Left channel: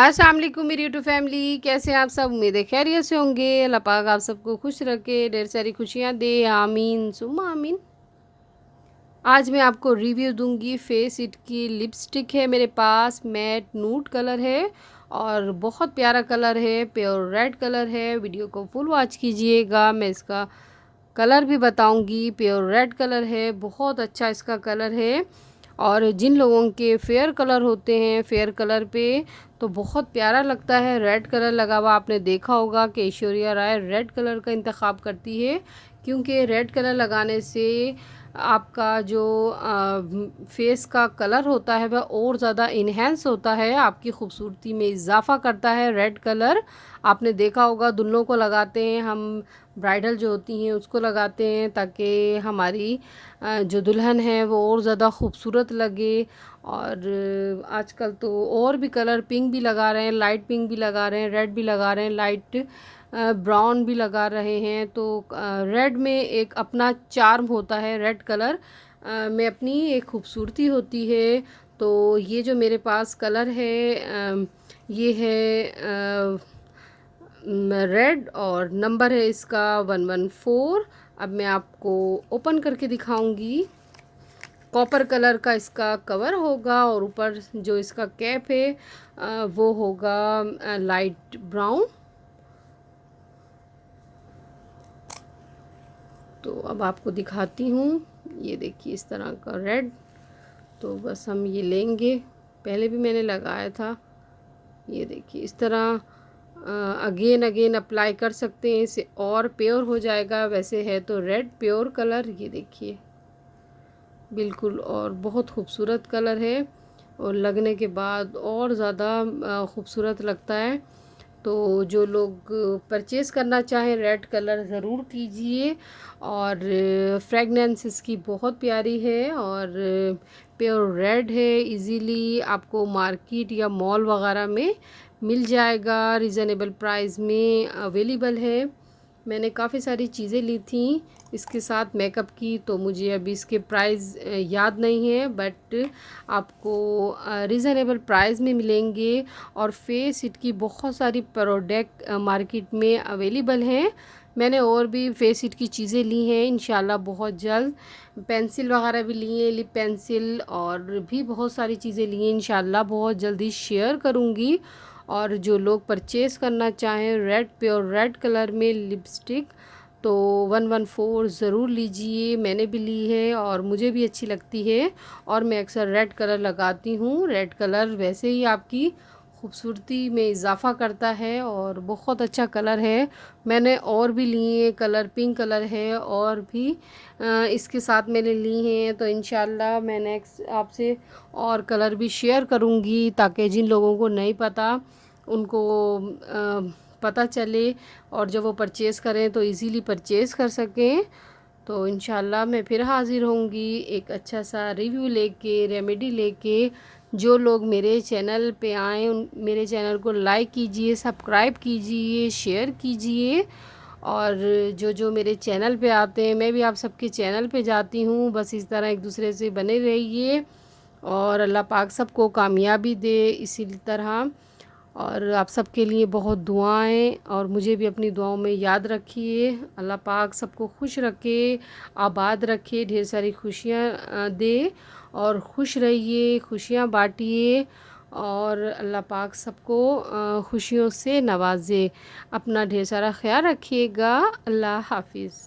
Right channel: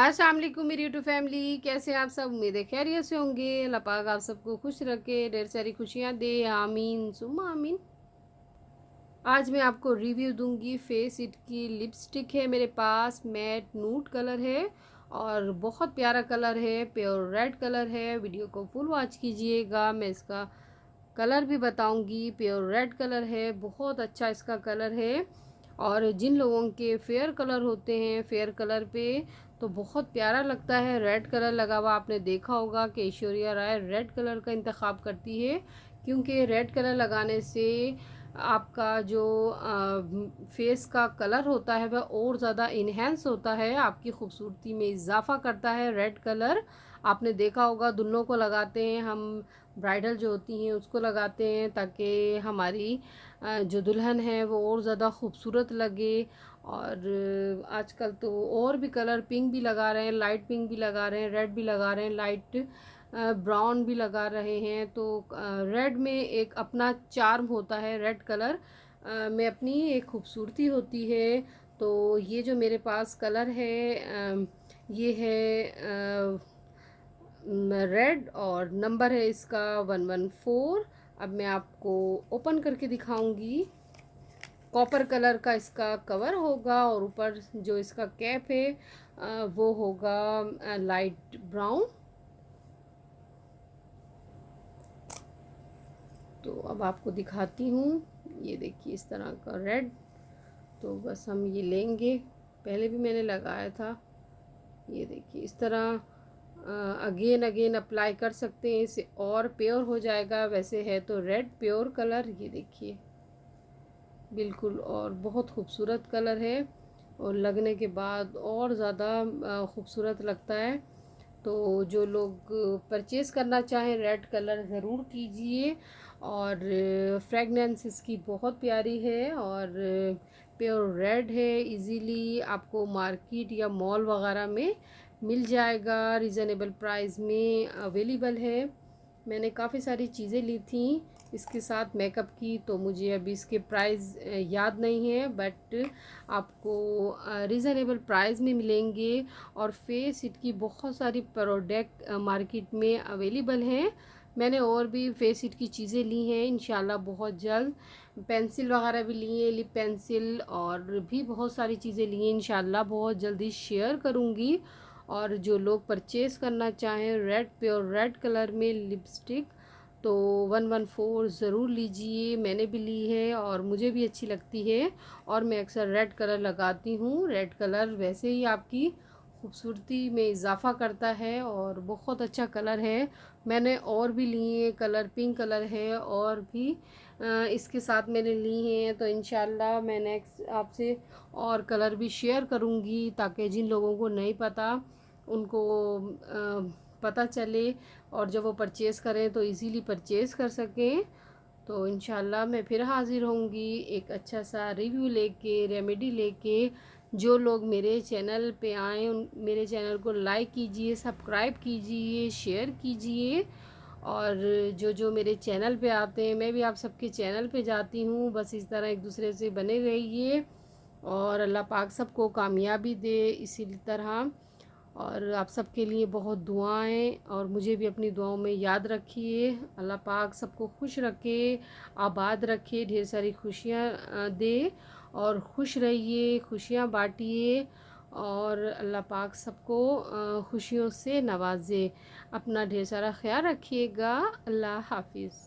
अस्सलाम वालेकुम मेरी यूट्यूब फैमिली, कैसे हैं आप सब? उम्मीद है खैरियत से होंगे। अल्लाह पाक आप सबको खुश रखे, ढेर सारी खुशियाँ दे, आमीन सुम्मा आमीन। आज मैं आपको रिव्यू दूंगी फेस इट की लिपस्टिक है मेरे पास, मैट नूड कलर है और बहुत प्यारा कलर है, प्योर रेड कलर है। वीडियो को फुल वॉच कीजिएगा, मैं इसका कलर भी बताऊंगी। प्योर रेड कलर है, बहुत अच्छा इसका कलर है। और जिन लोगों के फेयर कलर होते हैं, फेयर कलर पे तो बहुत प्यारा लगता है। रेड कलर लगा हुआ आपने देखा होगा कि ऐश्वर्या राय रेड कलर का इंतखाब करती है, क्योंकि रेड कलर लगाने से आपका जो फेस का कलर होता है वह और ज़्यादा इन्हेंस होता है, आपकी खूबसूरती में इजाफ़ा करता है। रेड कलर आपने देखा होगा दुल्हनों को लगाते हैं हम, ब्राइडल जो होती हैं उसको लगाते हैं ताकि हमारी जो दुल्हन है वो और ज़्यादा खूबसूरत लगे। और आजकल तो और भी कलर पिंक भी लगा रहे हैं, लाइट पिंक भी लगा रहे हैं, रेड भी लगा रहे हैं, लाइट ब्राउन भी लगा रहे हैं। तो रेड में एक अपना चार्म होता है, रेड कलर में अपनी एक खूबसूरती होती है। तो ये जो मेरे पास कलर है ये है रेड और नंबर है इसका 114। अब मैं आपको ओपन करके दिखाऊंगी। कॉपर कलर का इसका कवर होगा और ऊपर जो इसका कैप है वो होगा लाइट ब्राउन। तो अब आपको दिखाती हूँ, ये देखिए इस तरह का रेड। तो बस हम ये लेंगे, पहले भी मैंने लगाया था। ये देखिए इस तरह अगेन अगेन अप्लाई कर सकते हैं, इसे और प्योर हो जाएगा। वैसे है तो रेड प्योर कलर, ये देखिए बिल्कुल, और बहुत खूबसूरत कलर है और लगने के बाद और ज़्यादा खूबसूरत लगता है। तो जो लोग परचेज़ करना चाहें रेड कलर ज़रूर कीजिए। और फ्रेगनेंस इसकी बहुत प्यारी है और प्योर रेड है, इजीली आपको मार्केट या मॉल वगैरह में मिल जाएगा, रिज़नेबल प्राइस में अवेलेबल है। मैंने काफ़ी सारी चीज़ें ली थी इसके साथ मेकअप की, तो मुझे अभी इसके प्राइस याद नहीं है, बट आपको रिज़नेबल प्राइस में मिलेंगे। और फेस इट की बहुत सारी प्रोडक्ट मार्केट में अवेलेबल हैं। मैंने और भी फेस इट की चीज़ें ली हैं, इंशाल्लाह बहुत जल्द। पेंसिल वगैरह भी लिए, लिप पेंसिल और भी बहुत सारी चीज़ें ली हैं, इंशाल्लाह बहुत जल्दी शेयर करूँगी। और जो लोग परचेज़ करना चाहें रेड प्योर रेड कलर में लिपस्टिक, तो 114 ज़रूर लीजिए। मैंने भी ली है और मुझे भी अच्छी लगती है और मैं अक्सर रेड कलर लगाती हूँ। रेड कलर वैसे ही आपकी खूबसूरती में इजाफ़ा करता है और बहुत अच्छा कलर है। मैंने और भी लिए कलर, पिंक कलर है और भी इसके साथ मैंने ली हैं। तो इंशाल्लाह मैं नेक्स्ट आपसे और कलर भी शेयर करूँगी ताकि जिन लोगों को नहीं पता उनको पता चले और जब वो परचेज़ करें तो इजीली परचेज़ कर सकें। तो इंशाल्लाह मैं फिर हाज़िर होंगी एक अच्छा सा रिव्यू लेके, रेमेडी लेके। जो लोग मेरे चैनल पे आएँ उन मेरे चैनल को लाइक कीजिए, सब्सक्राइब कीजिए, शेयर कीजिए। और जो जो मेरे चैनल पे आते हैं, मैं भी आप सबके चैनल पे जाती हूँ। बस इस तरह एक दूसरे से बने रहिए और अल्लाह पाक सबको कामयाबी दे इसी तरह। और आप सबके लिए बहुत दुआएं और मुझे भी अपनी दुआओं में याद रखिए। अल्लाह पाक सबको खुश रखे, आबाद रखे, ढेर सारी खुशियाँ दे और खुश रहिए, खुशियाँ बांटिए। और अल्लाह पाक सबको खुशियों से नवाजे। अपना ढेर सारा ख्याल रखिएगा। अल्लाह हाफिज़।